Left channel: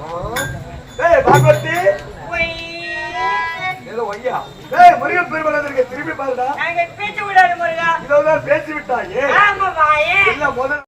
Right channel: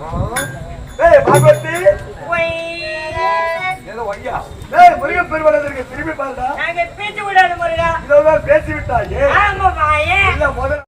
ஏய் பார்வதி. ஏதோ ஐயா. ஏய் முருகன் பெருமாள் திரும்பி பாருடா. நாங்க பேச்சு விடாத முருகா. இதோதான் பேசி விட்டாயே. ஆமா வாயே. இல்ல முதல்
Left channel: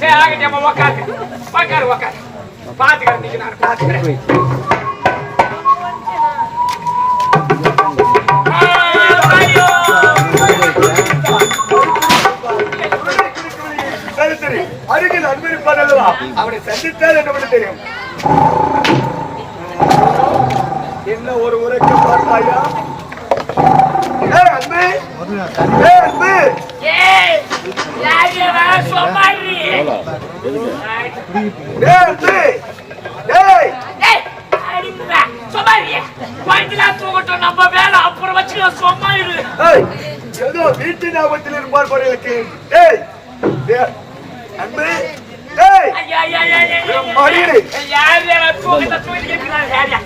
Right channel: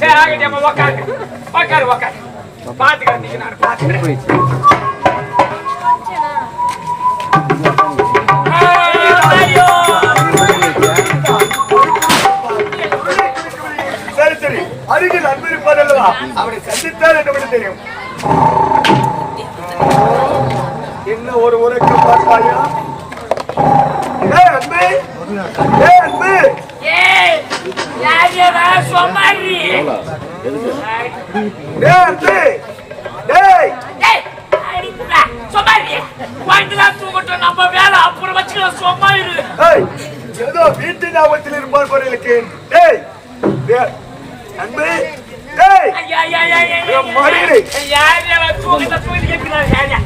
சரி ஆகிட்டே அம்மா உக்காரு. உக்காரு உக்காரு. பாத்துக்கிறேன் நீங்க நான் பாத்துக்கிறேன் ஏய், மாரியோ. சரி சரி. அருகில் அன்பிருப்பார் அல்லவா அவனை சந்தித்தால் என்ன பண்ண தெரியும்? என்ன ஒரு உரைக்க பார்ப்பாயா? ஏ அன்பு ஏ அன்பு ஏய், யார் இவன்? சொமாரி. ஏ அன்பு ஏய் ஏய், அடிக்கிறா. சொமாரி. குழந்தைலாம் தூங்கட்டும், நம்ம வேலை அப்புறம் வச்சுக்கலாம் சும்மா இரு ஏய் ஏதோ வீட்டு ஞாபகத்தில் இருப்பார் போறீங்களுக்கு ஏய் ஏ, அன்பு ஏய் ஐயா, ஐயா, ஐயா, ஐயா, ஐயா, ஏய், மறியடி. ஐயா. யார் இவன்? தூங்கட்டும், தூங்கிட்டு கேட்கிறாரு, யார் யா?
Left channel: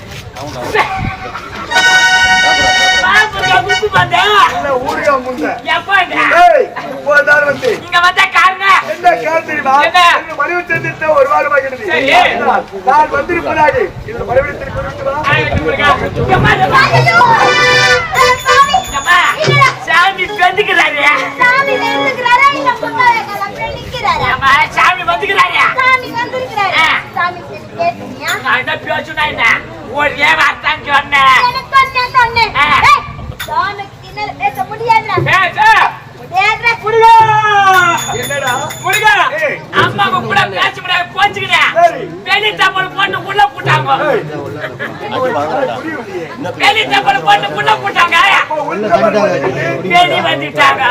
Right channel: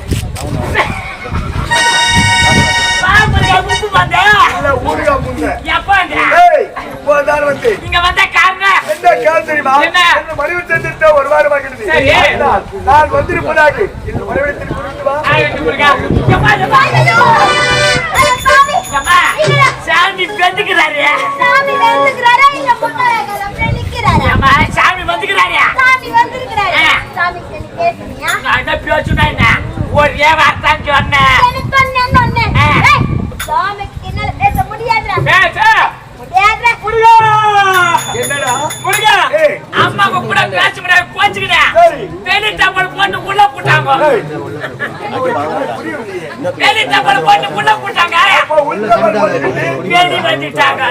உப்பு வந்தா? இல்ல ஊருகா முன்ன எப்பாங்க? ஏய் போதார் வந்து இங்க வந்த காரணம் என்ன கேள் தெரியுமா என்ன? மனைவி சந்தித்த ஒரு வாரமாகிறது சரி. நான் நான் வந்திருப்பதாக இந்த மனைவிடத்தில் குறித்து வா ஆகட்டும், முருகா. எம்மா, எம்மா. ஐயோ! ஐயோ, சாமி! எம்மா, சாமி வந்துக்கிறாரு சாமி வந்துக்கிறாரா? இந்த புத்தகங்களை நிக்கிறாரா? ஏம்மா, சாமி வந்துக்கிறாரு சாமி வந்திருக்கிறாரா? ஆ. சாமி சரி பேசுனியா? நான் என்ன பேசுனா என்ன ஒரே வார்த்தான் சொன்னேன் எனக்கு ஒண்ணு, என்ன ஒண்ணு? ஆ. ஏய், சாமிக்கு என்னால பேச முடியாதுடா. பேச முடியாதுடா. முருகா என்னடா? முருகா. அம்மாவை கூட பேச முடியாது கோச்சுக்கிறேன். வெளி தமிழ் பொண்ணு உள்ள போட்டாங்க. வெளி தமிழ் பொண்ணு உள்ள போட்டாங்க. வெளி வந்துட்டாங்க.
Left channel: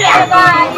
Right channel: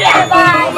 拜拜。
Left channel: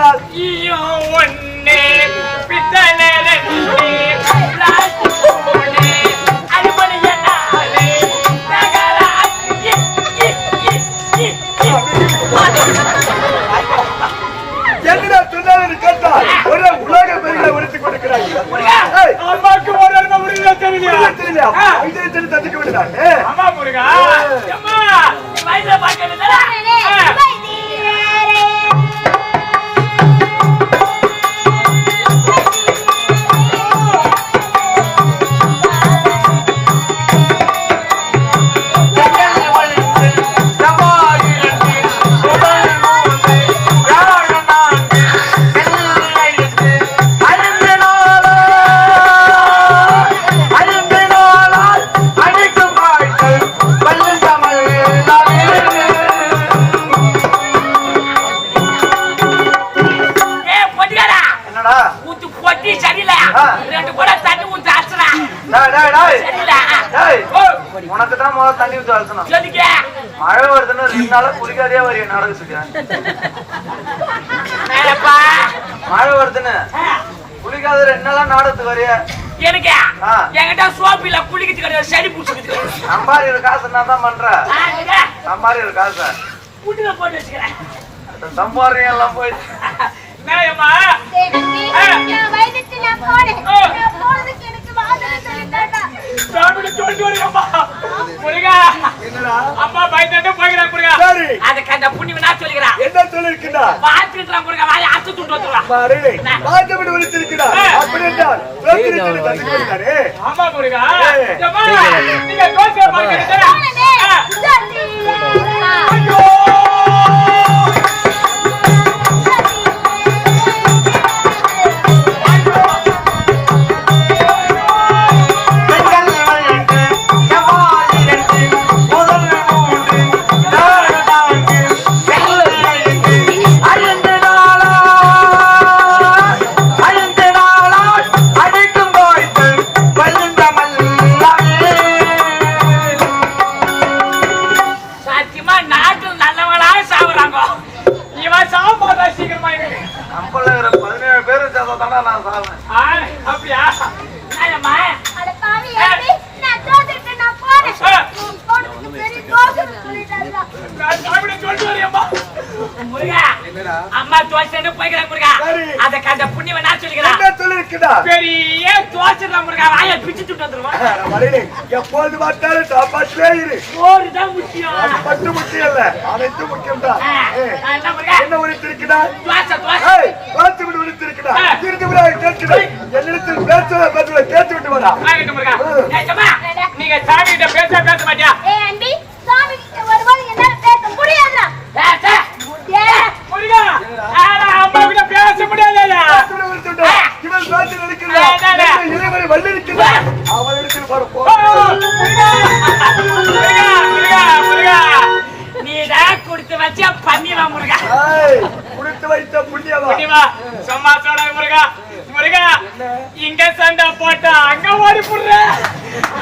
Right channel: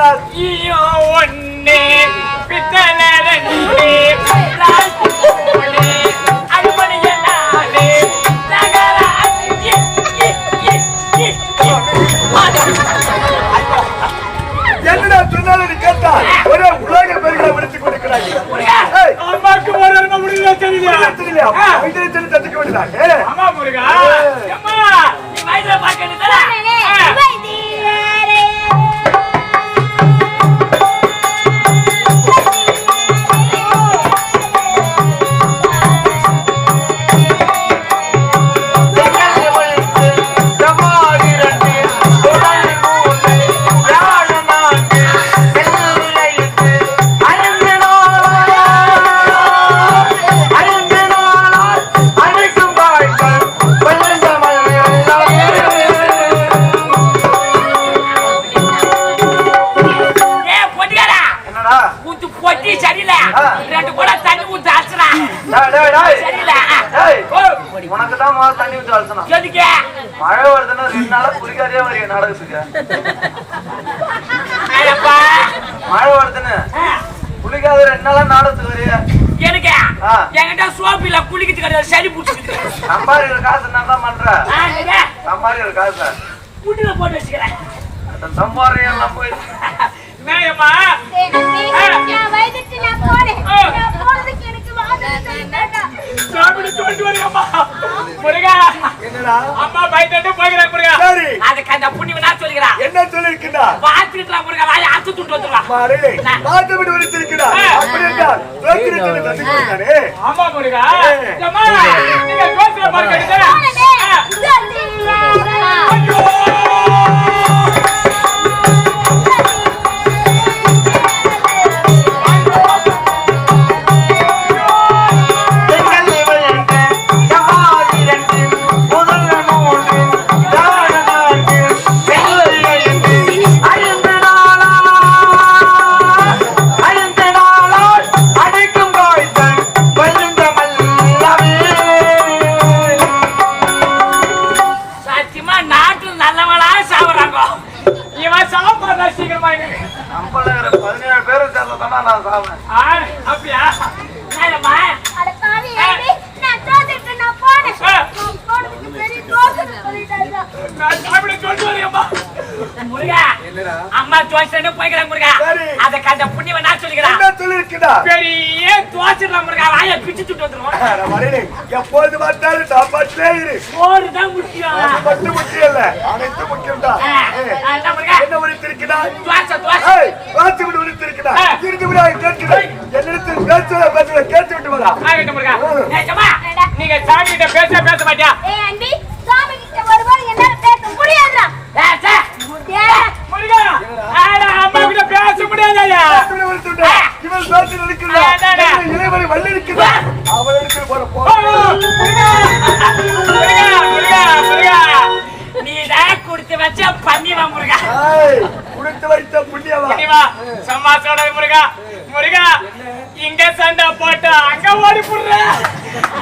என்ன சொல்கின்றார் ஈயோ ஒண்ணு பித்தளை ரெண்டு. என்னடா சொன்னாலும் நீ கேட்டால் ஒரே உலக பெருகளை விடுத்துக் கொடுக்கிறாய் அம்மாக்கு ஒரு அம்மா முடியல? ஆ. இதை சொல்லி தட்டிக்க வேண்டியதாக அம்மா முருகா அம்மா வயசுல பாக்கணும் உனக்கு தான் முதல்ல தண்ணி ஊற்றி வளர்த்தணும் மழை வருதுன்னு ரெண்டு நாளா குளிக்காதே வரைய நாடகத்துக்கு மழை வருதுன்னு குளிக்காத ரெண்டு நாளா நாடகத்துக்கு வரைய எனக்கு. என்கிட்ட சோப்பு இல்ல குளிக்கிறது கிடையாது சளி பிடிச்சிக்குது சம்பாதிக்கிற காசு நான் தான் பண்ற ஆ, நீங்க சம்பாதிக்கிற காசு புட்டில போட்டு வச்சுக்கிறேன் அந்த சம்பாதிக்க எல்லாம் போய் மேயம்மா சாப்பிட்டு சொல்லிட்டு வரையம்மா முருகா என்னடா? அம்மா பயந்துட்டு போகிறேன் முருகா. சரி. அதுக்கு அந்த புண்ணியம் நான் சொல்லிக்கிறேன் என்ன சொல்லிருக்கிறா பார்த்துக்கிட்டு முருகா வாயை அத்து துண்டு மாறே நான். பார்த்து விட்டு வலித்திருக்கிறா ஆ. அப்படி என்றால் தோற்றிருக்கிறது கண்டுபிடித்தாரே ஆமா முருகா. நீங்க பாருங்க. தோசை போய்க்கிறேன் முருகா. அதுக்கு அந்த புண்ணியம் நான் சொல்லிக்கிறேன். என்ன சொல்லிருக்கிறா பெரிய தோசை முருகா. வாயை பிச்சு வந்துருவோம். எப்போது பார்த்தாலும் சாப்பாட்டிலே இரு. சோறு தான் முக்கியம். அது மட்டும் முக்கியம் இல்ல. அனைத்து முக்கியம் தான் என்ன முருகா. என்ன உரித்திருக்கிறா தோசை தோசை. பார்த்து விட்டு உரித்திருக்கிறா. இருந்து விட கேட்கிறேன் என்னிடத்தில் கேட்டு விட்டு வரா முருகா. நீங்க சாமி கிட்ட பேச பேச மாட்டியா சாமி கிட்ட வரும்போது என்னால பேச முடியாதுடா. பேச. பேச முடியாதா பார்த்து விட்டு உரித்துட்டா இவன் பேச்சு நினைக்கிறா ஆ, ஆ, ஆ. இறைவனை வல்லிருக்கிறா அவன் இடத்தில் போற போ நீதான் கொடுத்து வச்ச பண்ணிவா முருகா. ஏய் குடுத்து வைத்த புண்ணியவா? சம்மா சொன்னது முருகா முருகா இங்க சண்டை போட்டு அங்க ஓடி புடுற.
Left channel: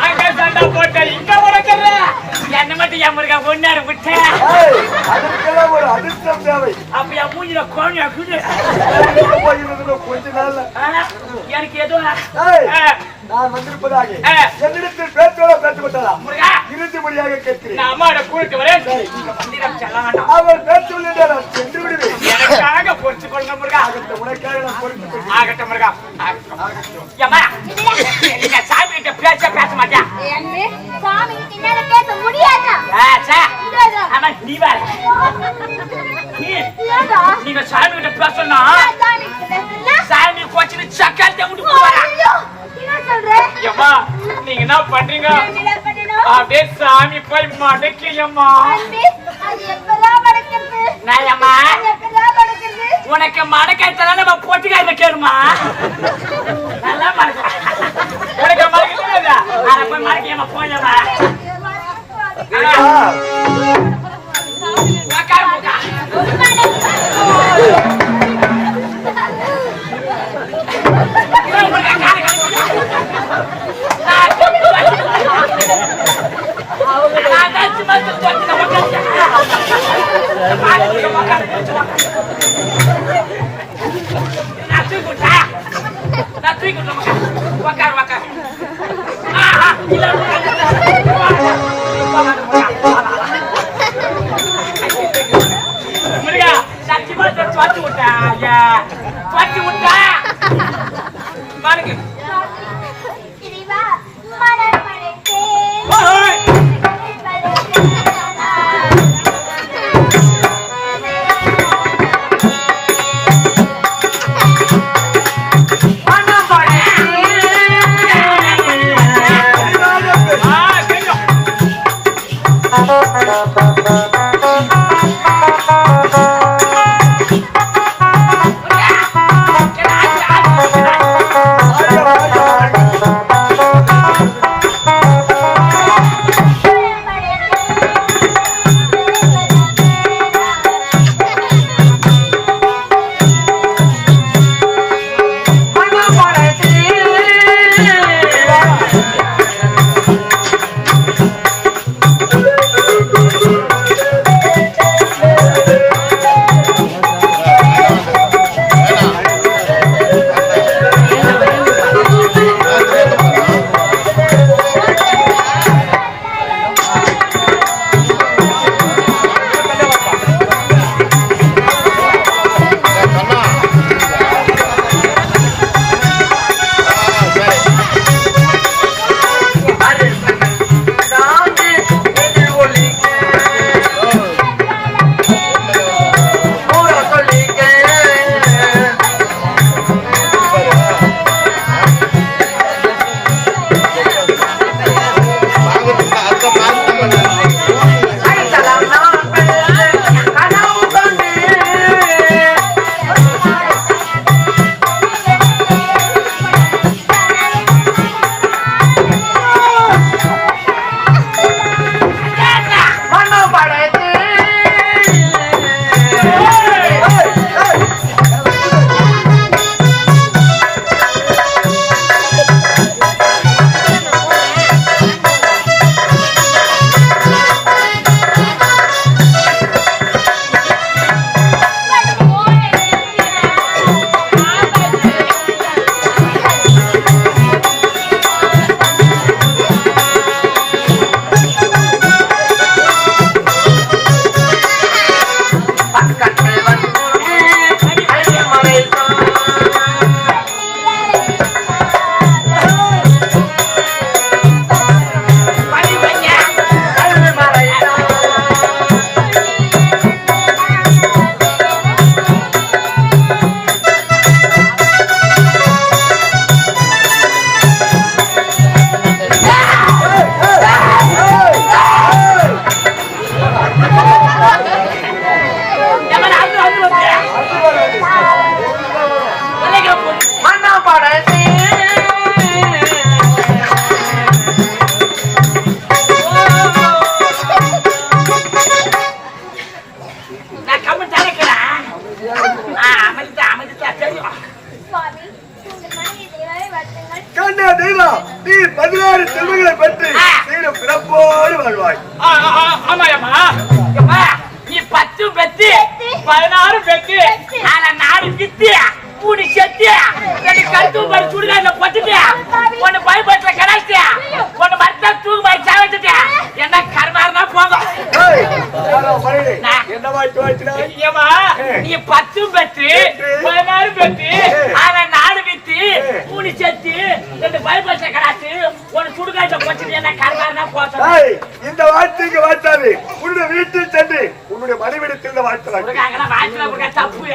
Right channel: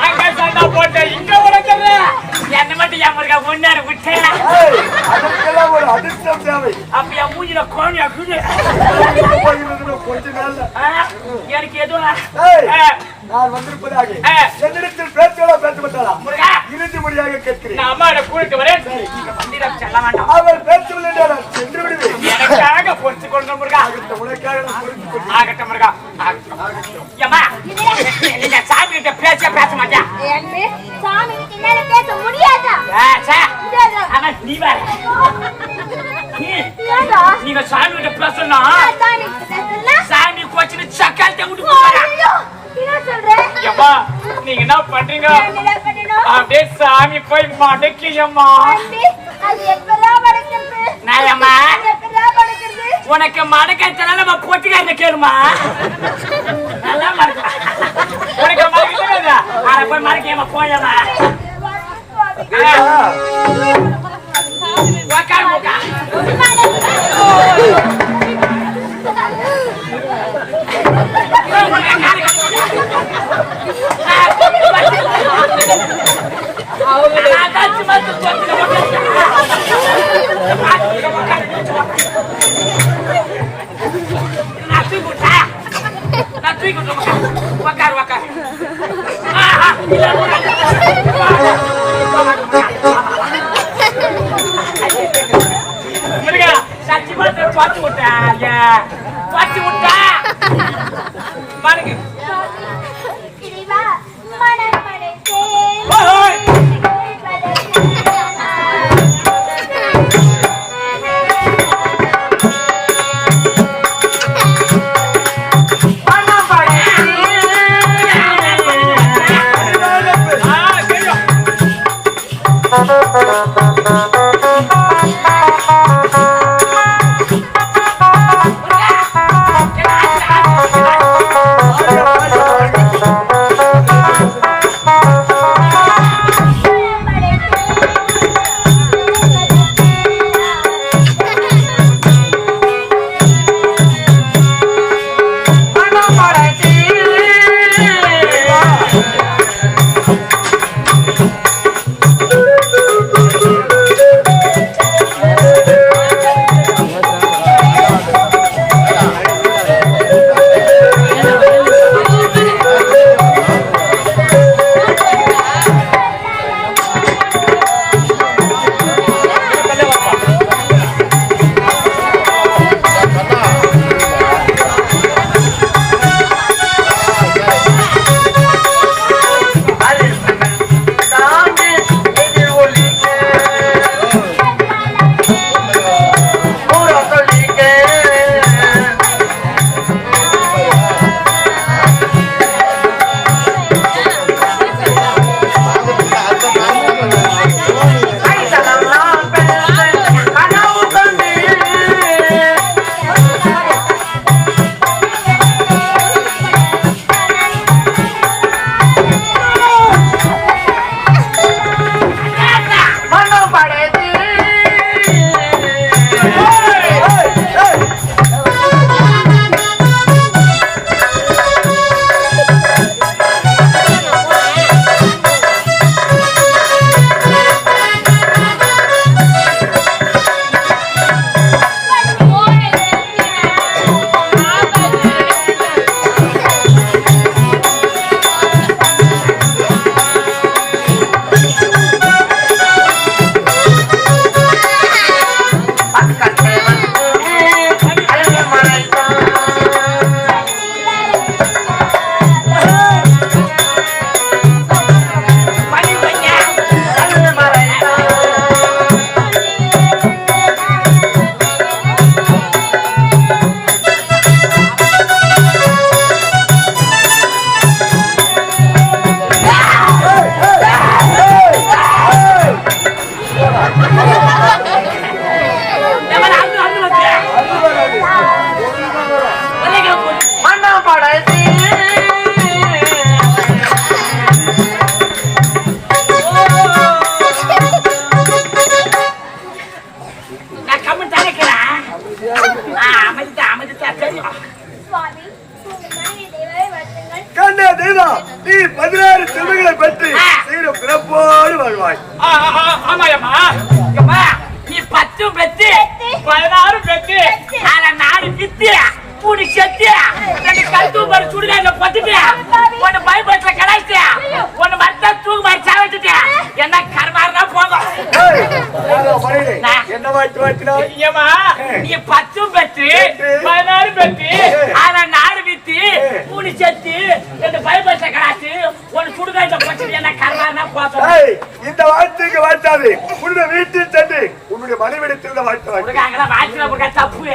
அங்க சண்டை போட்டு இங்க உடச்சுற என்ன மட்டும் என் முருகா ஒன்னாரு விட்டு. அதற்கெல்லாம் ஒரு அதிர்ஷ்டம் தேவை. அப்ப என் மூஞ்சில கோழியா குடு. கொஞ்ச நாள்ல. எனக்கு ஆ, நான் வந்திருப்பதாக. என்னிடத்தில் பேச்சோட பேச மாட்டாளா முருகா இறுதி மொழியாக கேட்கிறேன் கூட்டிட்டு வரேன் நான் சென்று விடுவேன். எனக்காக பொறுத்து கொடுங்க முருகா உனக்காக நான் பொறுத்துக் கொள்கிறேன். ஆகட்டும் முருகா ஏம்மா நீங்க சாமி கிட்ட பேச பேச மாட்டியா சாமி கிட்ட பேச முடியாதுடா. ஆச்சா. முடியாதுடா. ஆமா நீ வேற நீ ஏன்டா? நீங்க சாமி கிட்ட பேசணும் சாமி கோச்சின்னு சக்காத்த விட்டு போவாரா ஏம்மா நீங்க என்ன பண்றீங்க? அப்படியே சாமி போய் மடக்கியம்மா. படுக்கிறது? உனக்கு மடக்கத்தல நம்ம பொட்டுக்காரங்க கேளுமா? நல்லா மறக்கலாம் உனக்கு மறக்க தெரியாதா? அட போய் மறக்கியம்மா ஏய்யா, உக்கார் உக்கார் முருகா சத்தியமா பார்த்து விட்டா ஐயா பார்த்து விட்டா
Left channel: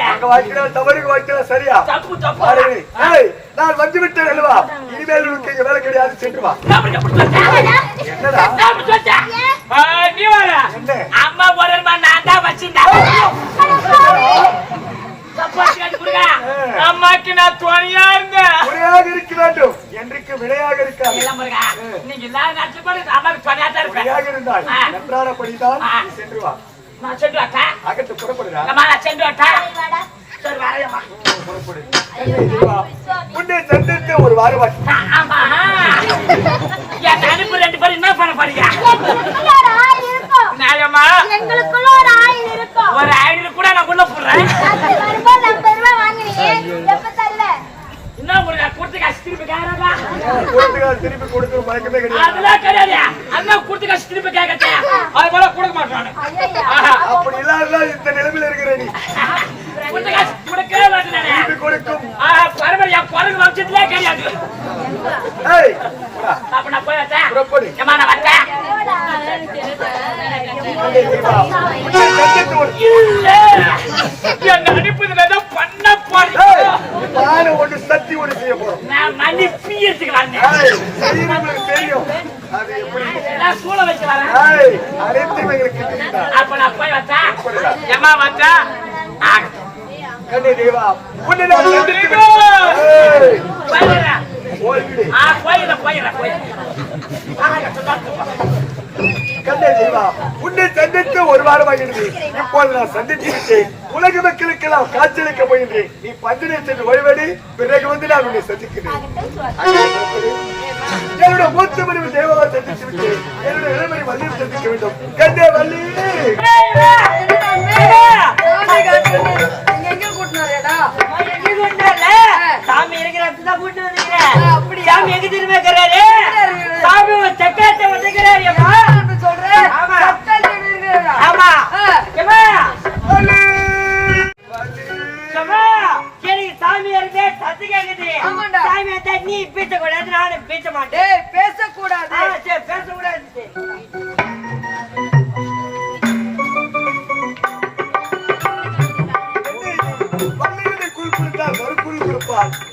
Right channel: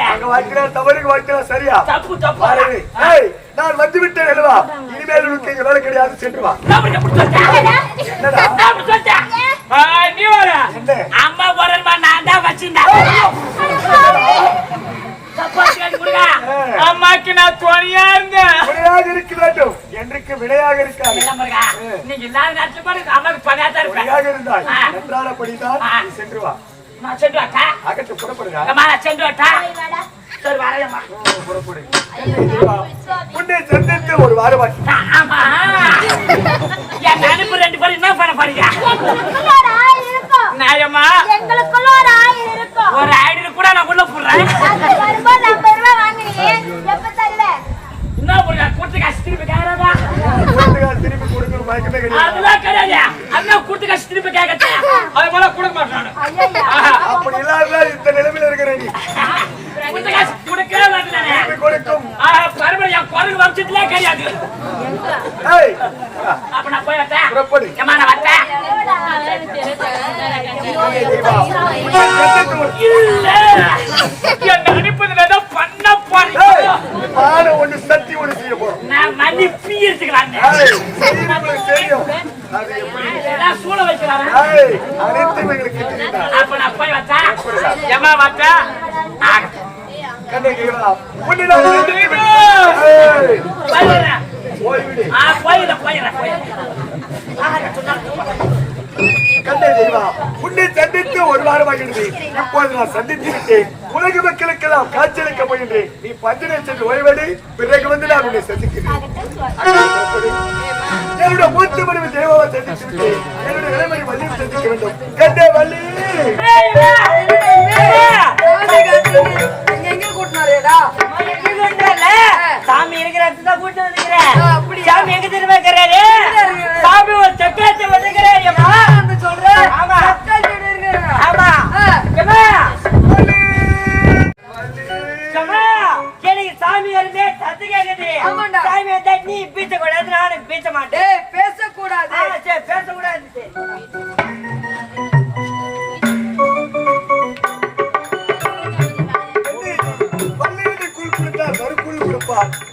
அங்க வாய்க்கிறார் தவறுக்கு வாய்க்கிறார் சரியா? தப்பு தப்பு. நான் வந்து விட்டேன் அல்லவா இனிமேல் உனக்கு இங்க வேலை கிடையாது சென்று வா? அம்மா போறேன்மா, நான் தான் வச்சிருந்தேன். அம்மாக்கு நான் துணையா இருந்தேன். இருக்க வேண்டும். என்றைக்கு விடையாக இருக்காது. நீங்க துணையா தான் இருப்பேன். விடையாக இருந்தால் ஆ. நன்றானபடிதான் நீ சென்று வா. நான் சென்று வரட்டா? அகத்து புறப்படுதா அம்மா, நான் சென்று வரட்டா? சரி, வரேன்ம்மா. புறப்படு உன்னை சந்தித்து ஒரு வாரமாச்சு ஆ, ஆமா. என் அனுப்பு ரெண்டு பேரும் என்ன பண்ண போறீங்க? எங்களுக்குள்ள ஒரு ஆயில் இருக்கும் நியாயமா? எங்களுக்குள்ள ஒரு ஆயில் இருக்கும் ஒரு ஐநூறு கூட நான் உள்ள போடுறேன் அது வருமா ஐம்பது ரூபாய் வாங்குறீங்க எப்ப தரல என்ன முருகா கொடுத்து காசு திருப்பி கேக்குறதா கொடுத்துக்கால் திருப்பி கொடுக்கிற மயக்கமே கிடையாது. அதெல்லாம் கிடையாது. அண்ணன் கொடுத்து காசு திருப்பி கேட்கறது அது போல கொடுக்க மாட்டானு ஐயா அப்படி இல்லாத இந்த நிலைமையில இருக்கிற நீ. கொடுத்த காசு கொடுக்கவே மாட்டேன் திருப்பி கொடுக்கும். பரம்பரை என் குரங்கு வம்சத்திலே கிடையாது. ஏய் அப்ப நான் போய் வரட்டேன் புறப்படு. ஏம்மா நான் வரட்டேன் என்ன அனுப்புதுல பண்ண. நானும் ஒண்ணு சத்தி ஒண்ணு செய்ய போறோம். நான் மணி பீயத்துக்கலாம் ஏய், செய்யறவங்களுக்கு தெரியும். அது எப்படி? சூழ வைக்கலாம் அனைத்தும் தெரியுதா அப்ப நான் போய் வச்சேன் ஏமா வச்சா? கண்ணை தெய்வா உன்னை நான் போயிடுறேன். போயிடுறேன். போயிடுறேன் போயிடுறேன். கண்ணை தெய்வா உன்னை சந்தித்து ஒரு வாரம் ஆகிறது இப்போது நான் சந்தித்து விட்டேன். உலக மக்களுக்கெல்லாம் காட்சியளிக்க போகின்றேன். நீ பந்தினை சென்று ஓய்வெடு. பிறகு வந்து நான் உன்னை சந்திக்கிறேன். என்னுடைய மூத்த மனைவி தேவாவை சந்தித்து விட்டேன். என்னுடைய இளமணி வள்ளியை சந்திக்க வேண்டும். கண்ணே வள்ளி! சாமி இருக்கிற கூட்டு வந்துக்கிறேன் சாமி எங்க திரும்ப சாமி ஒரு சக்கரத்தை வந்துக்கிறாரு இருந்தா நீ பீச்ச கூடாது நானும் பீச்ச மாட்டேன் பேசக்கூடாது பேசக்கூடாது. சரி.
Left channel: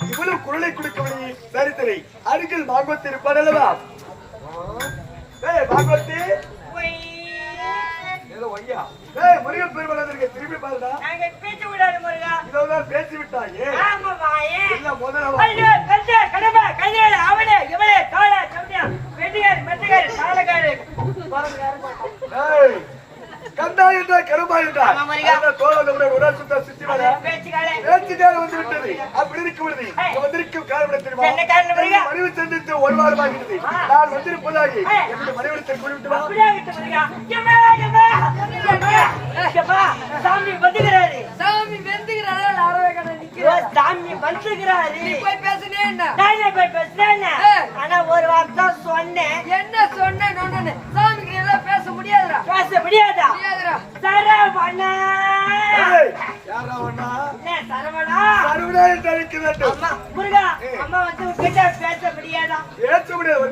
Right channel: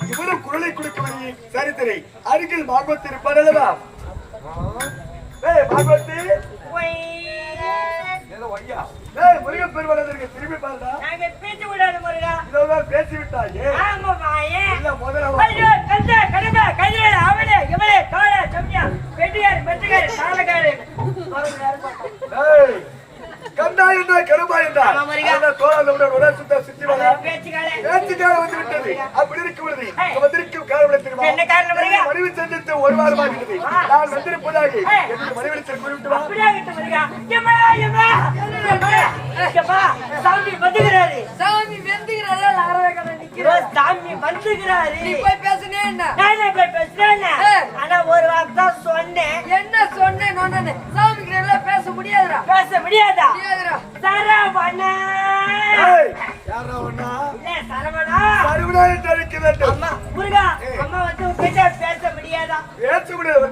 இவ்வளவு குரலை கொடுக்கவில்லை சரித்திரை அருகில் பாகவத் இருப்பார் அல்லவா? ஏய் பாகவதி. ஏதோ ஐயா. ஏய் முருகன் பெருமாள் திரும்பி பாருடா. நாங்க பீச்ச கூடாது முருகா. இதோதான் பேசி விட்டாயே. ஆமா வாயே. இல்ல முதல்ல ஐயோ கந்த கடமை கையில அவனே இவனே காளா ஜம்னியா வெட்டியார் மெட்டுகார் சாலகாரு ஏய் கந்தா என்றா கருமா என்றா ஆமா, முருகா. அந்த தோழனுடன் ஒரே சுத்த சுத்தி வர பேச்சுக்காக வந்து விட்டது. அப்படி இருக்க விடுது. இங்க வந்திருக்கும் காரணம் தெரியுமா? மனைவி சந்தித்து ஒரு வாரமாகிறது நான் வந்திருப்பதாக என்னுடைய மனைவி குறிப்பிட்டு சாமி வந்துகிறாரு. சாமி ஐயோ, நிக்கிறார் சாமி வந்துகிறாரு நீ போய் பேசுனே என்ன? நானே போய் பேசுறேன். ஆனா ஒரு வார்த்தை சொன்னேன். என்ன சொன்னேன் சாமிக்கு எல்லாம் பேச முடியாதுடா. பேச முடியாதா? முடியாதுடா. சரவணா. ஏய் யாரா ஒண்ணா இல்ல சரவணா வேண்டும். அம்மா முருகா அம்மா வந்து பேச முடியாதா? பேச்சு முடியாது.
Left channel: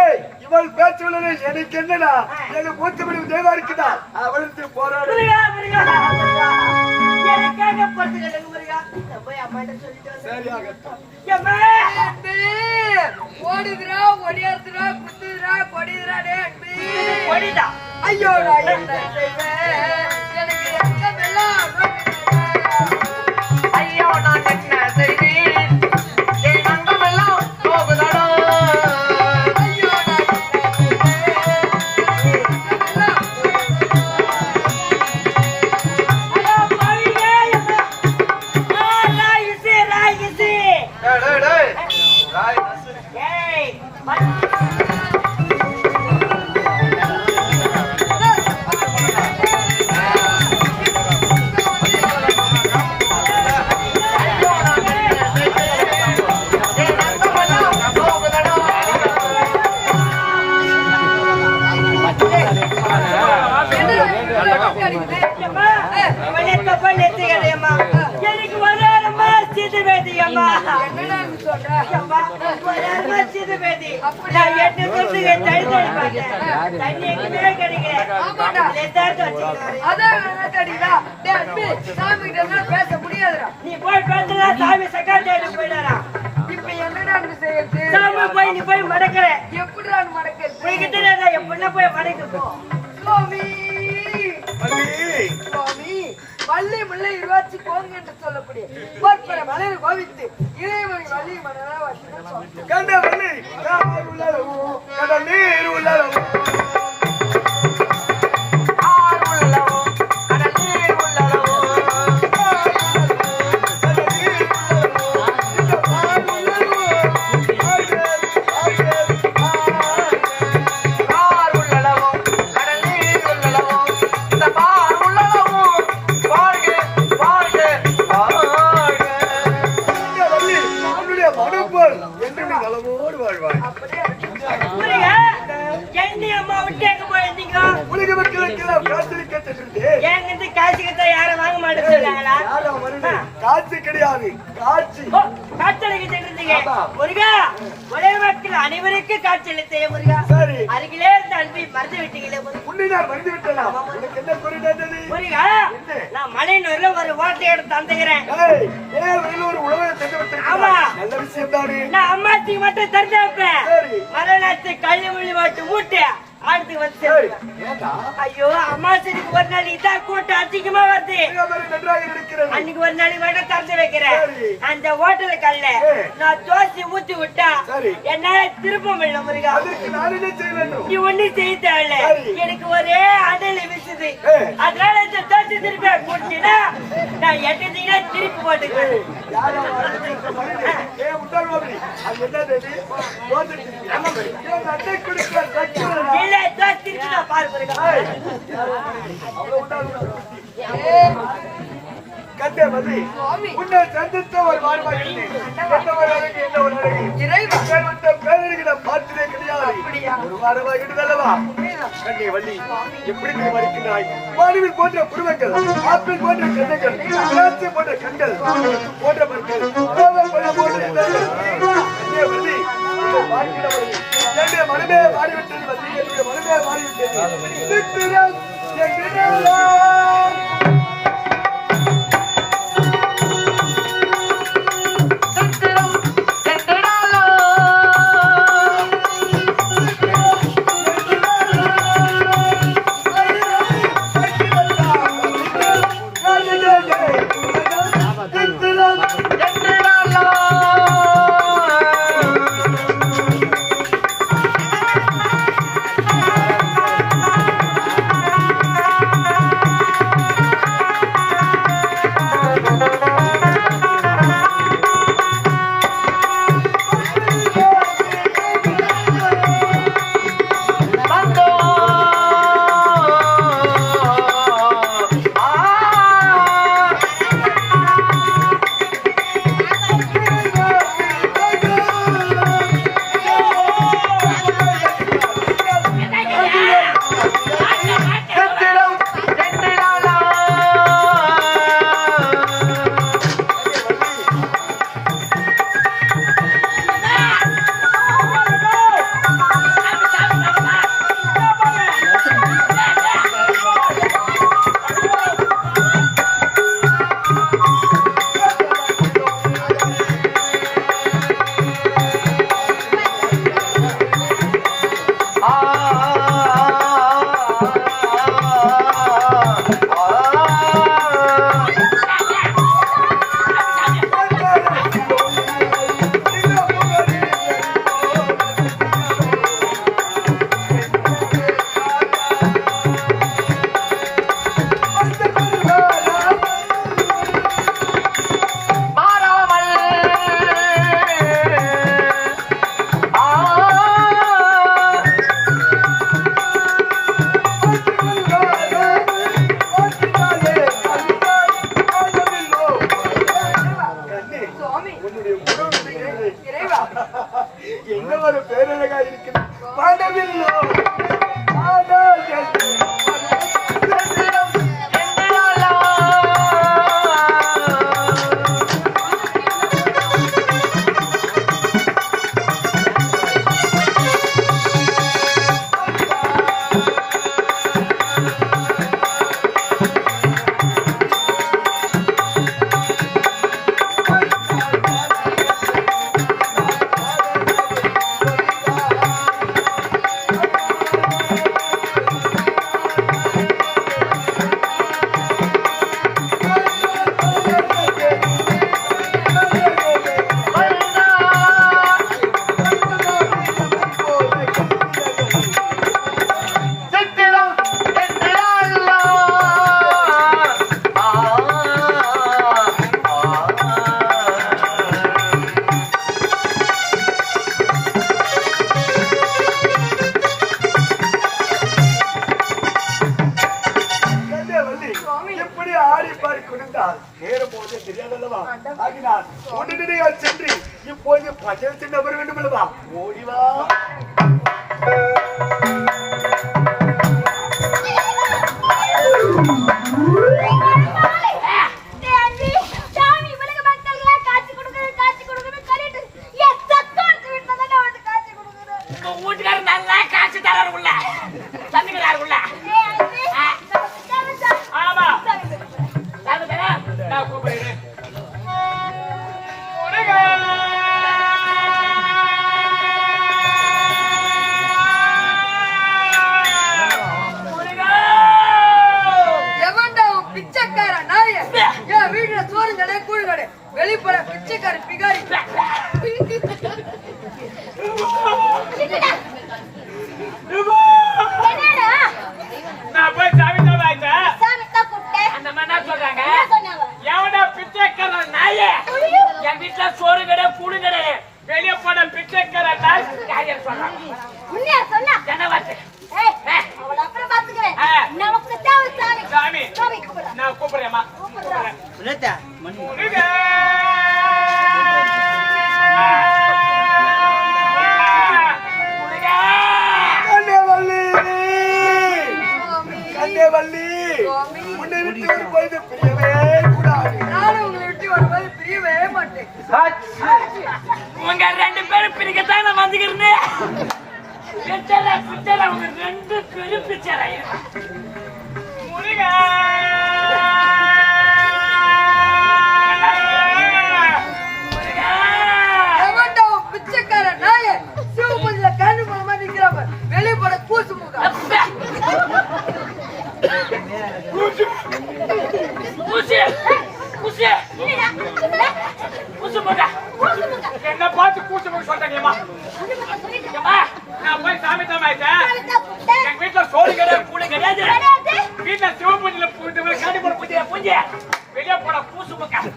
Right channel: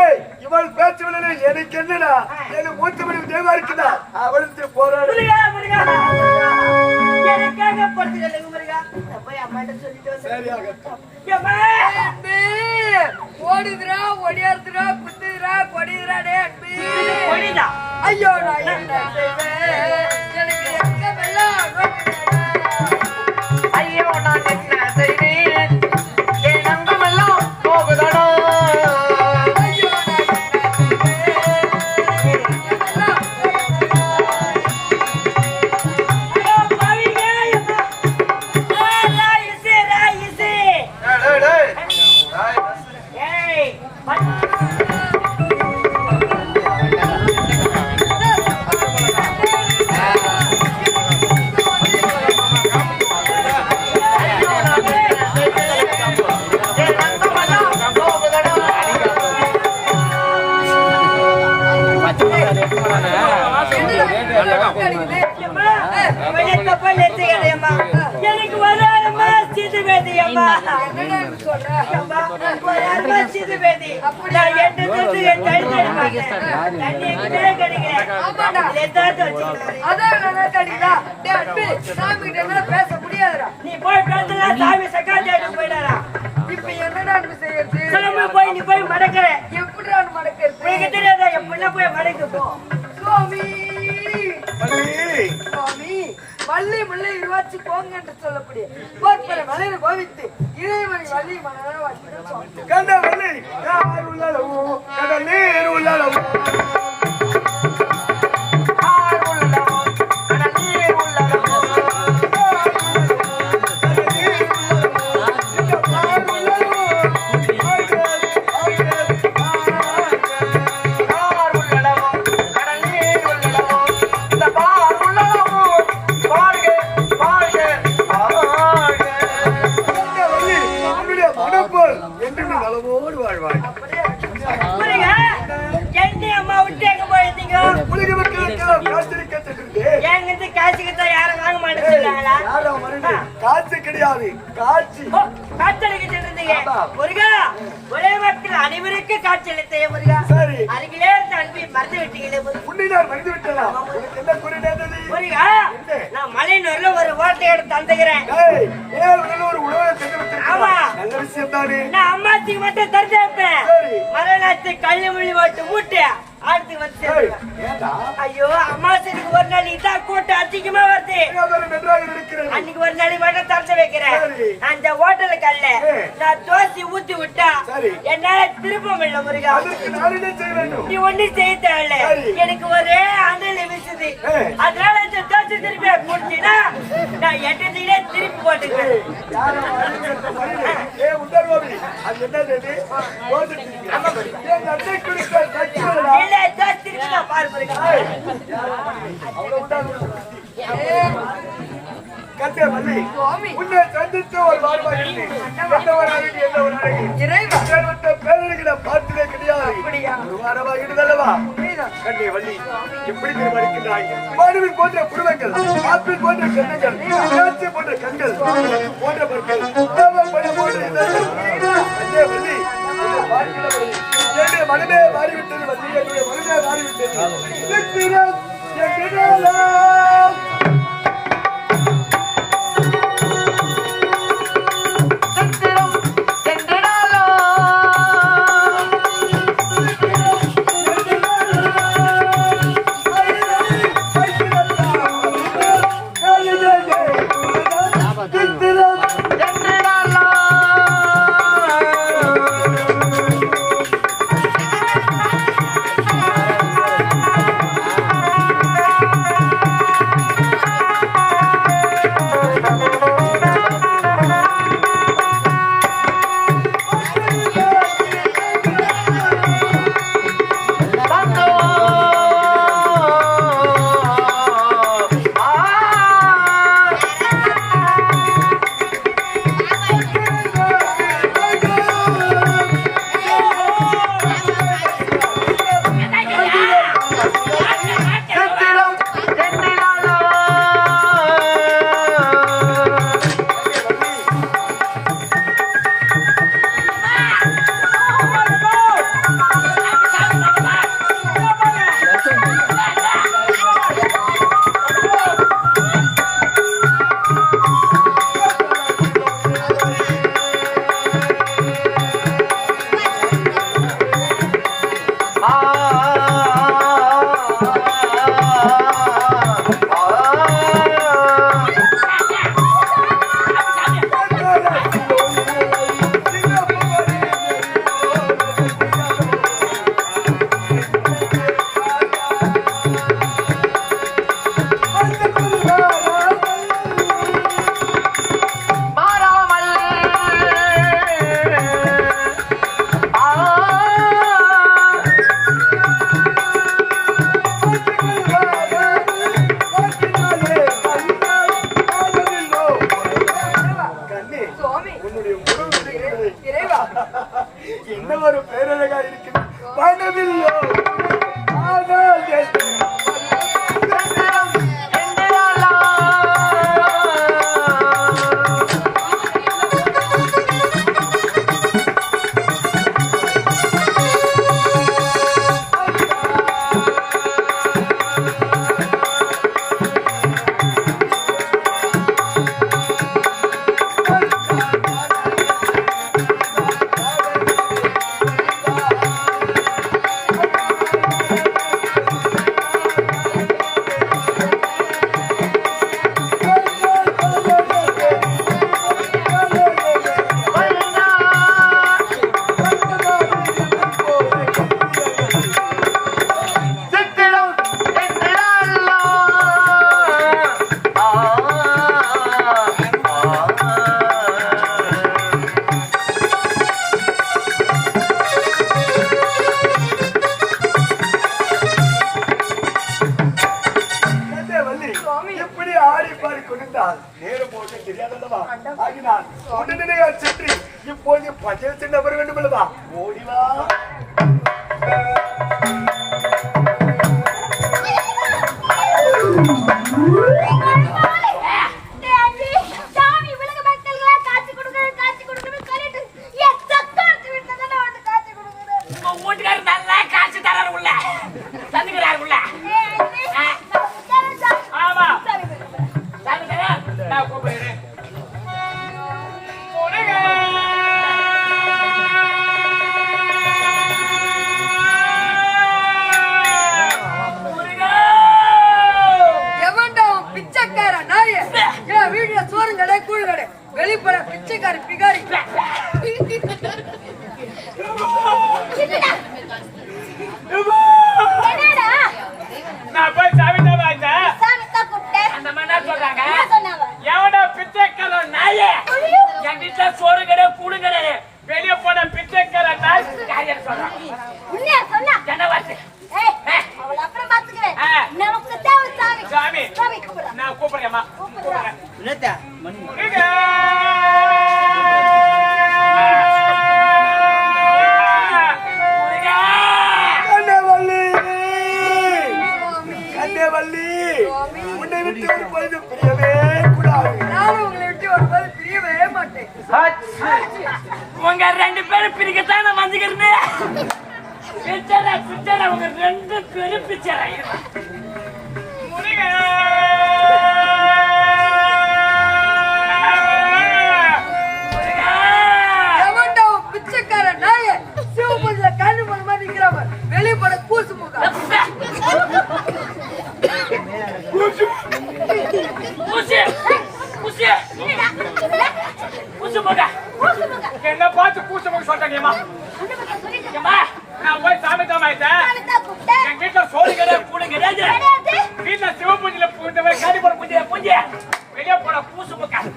ஏய் இவள் பேச்சு விடலை எனக்கு என்னடா? எனக்கு மூத்த மனைவி தேவா இருக்குதா? அவளுக்கு போராடு. எனக்காக பொறுத்து முருகா. ஓடுதுரா ஒடியாருதுரா குத்துதுரா கொடிதுரா ஐயோ வராரம்மா சீது வேதி. நான் எட்டு பேருக்கு என் தடி தடி பார்த்தேன். தண்ணி எங்கேயுமே கிடைக்கல. இதை எடுத்தாந்து வச்சுக்கிறேன். அதான் நல்லா தடிடா. டேய் அன்பு, சாமி கிட்ட எல்லாம் பேச முடியாதுடா. நீ போய் பேசுனா சாமி சக்காத்தியாட்டு போயிடாரா இப்ப என்னடா அன்பு செய்யறது? சாமி போய் நீ போய் மடக்கிற எப்படிடா அன்பு மடக்கிறது? உனக்கு தெரியாதா என் பொண்ணை போய் மடக்கு போ சுவாமி, சுவாமி, வள்ளி முல்லை இருவாச்சி போங்க என்று சொல்லக்கூடிய கோவித்து இளையமணி வள்ளி மனதா வாசிகள் சுவாமி அடுத்து வந்து? ஐயோ ஒரு தான் கூட்டம் அதிகமா வருது அன்னைக்கு ஒரு நாளைக்கு மட்டும் திறந்து வைக்கிறேன். அந்த ஹோட்டலு கல்ல. நான் தோசை ஊத்தி விட்டா. என்னால திருப்ப முடியல முருகா அதற்கு நான் என்ன செய்ய வேண்டும் நீ ஒண்ணு செய்ய தேவையில்ல. எனக்கு ஒரே அண்டல் விசுது. அதனால இந்த தோசை திருப்பி முடிச்சுனா நான் எட்டத்தையே திருப்பி போட்டுக்கிறேன். இல்ல தோசை திருப்பி நான் பாரு வள்ளி, உன்னை சந்தித்த ஒரு வாழ்வாய் இருந்தேன். என்ன ஒரு நான் பார்த்ததே கிடையாது. ஒரு வாரமாக இருந்தல்லவா? கண்ணே வள்ளி, எப்படி நீ மடிக்கின்றாய்? போன்ற புருவங்கள், ஆப்பிள் போன்ற கண்ணங்கள் திராட்சை போன்ற கண்கள், போன்ற பற்கள், போன்ற கண்ணே வள்ளி, என்னுடைய மனமே மாறிவிட்டது வள்ளி, என்னுடைய மனமே மாறிவிட்டது. உங்க ரெண்டு பேரும் பிரிக்கத்தான் நான் வந்துக்கிறேன் ரெண்டு பேரும் கூட்டு போய் சொல்றேங்கம்மா ஏம்மா நான் போய் சாமி தோமாயிட்டேன் எங்க வீட்டுல சோறு கிடையாது கூலி கிடையாது. வீட்டுல சிவ பூஜையில பூஜை காடி போட பூஜை பூஜை. வெளியே போட பூசு பக்கம்.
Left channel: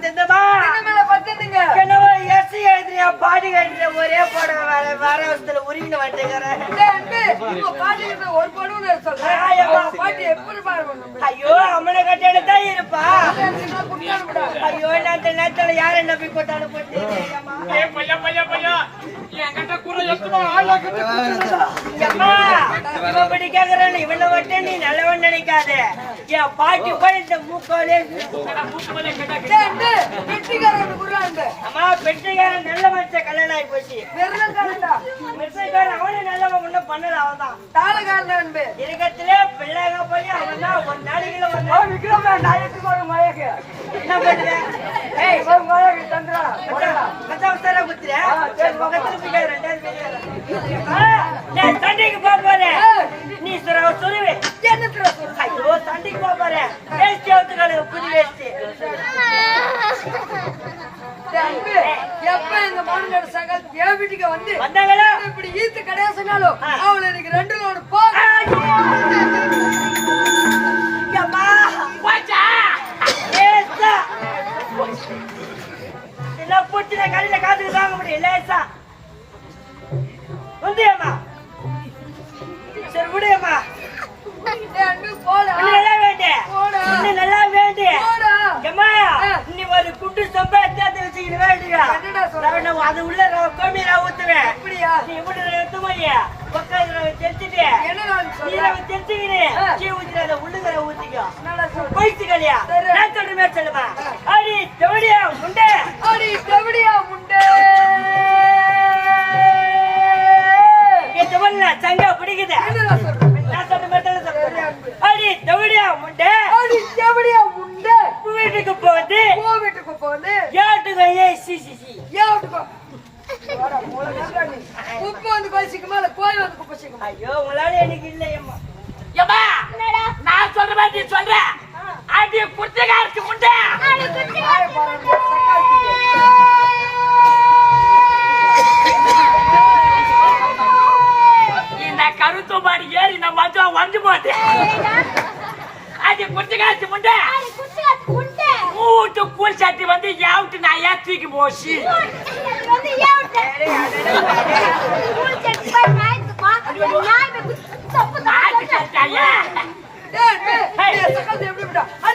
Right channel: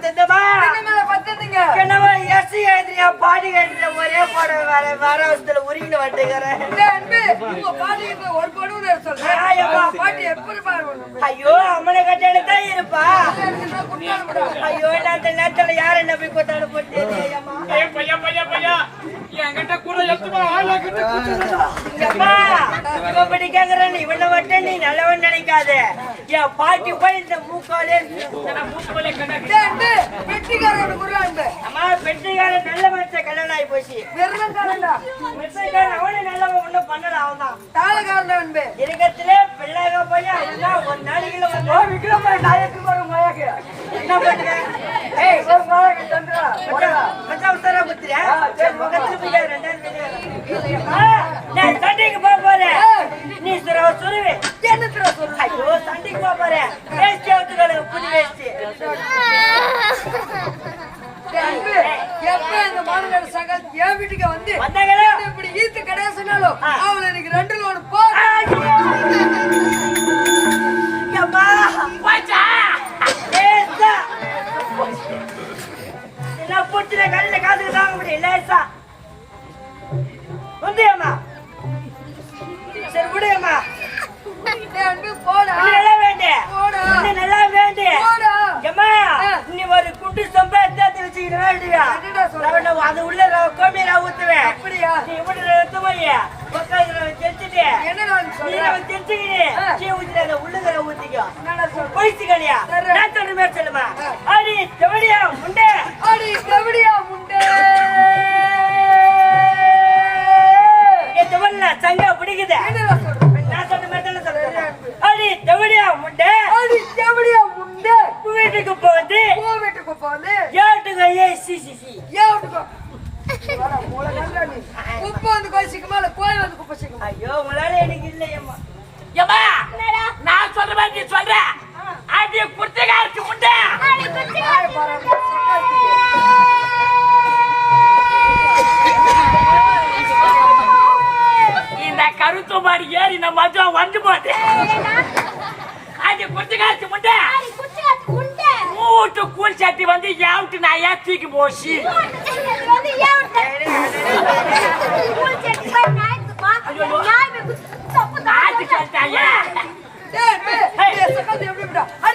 பத்தட்டுமா பத்தட்டுங்க என்னவா எஸ் எழுதுறியா பாடி எழுதுற ஒரே படம் வேற வேற வருஷத்துல உருகின்னு வந்துக்கிறேன் ஒரு படம் சொல்றேன் ஐயோ அம்மனை கட்டணு இருப்பா. ஐயோ நான் நேரத்துல யார் என்ன போய் என்கிட்ட வட்ட நீ நல்லவன் நினைக்காத. பாட்டி போய் இந்த மூக்கோலே கல்யாணம் ஆகி போச்சு. அவனு நல்லவன் ஒண்ணும் பண்ணல அவன் அன்பு. இருக்கத்துல பிள்ளைக போய் ஒரு நாளைக்குள்ள வந்து விக்ரம் நான் மழைக்கு என்ன பண்ணுறேன் ஏய் ஒரு மழை நான் சண்டைக்கு போக போறேன் நீ சுர சுருவி என்னத்துல சொல்லு? ஐயோ சண்டைக்கு போக போறேன் வேஸ்டி அவுத்துக்காளுங்க புது வேஸ்டி அன்பு, எப்ப எங்க மாமனார் சகல் என் வீட்டுக்கு வந்து வந்தாங்களா? இப்படி ஈத்து கடையா சொன்னாலும் அவளை எனக்கு ரெண்டு ஐயோ உங்களால எனக்கு இல்லையம்மா. ஏம்மா நான் சொல்ற மாதிரி நீ சொல்ற. அடி குத்திகாரத்து முண்டை. இந்த கருத்து மாடி ஏறி நம்ம மச்சம் வந்து போட்டு. அடி குத்திகாரத்து முண்டை. மூட்டு கூழ் சட்டி வந்து யாவுட்டு நான் ஏன் தூக்கி போச்சு.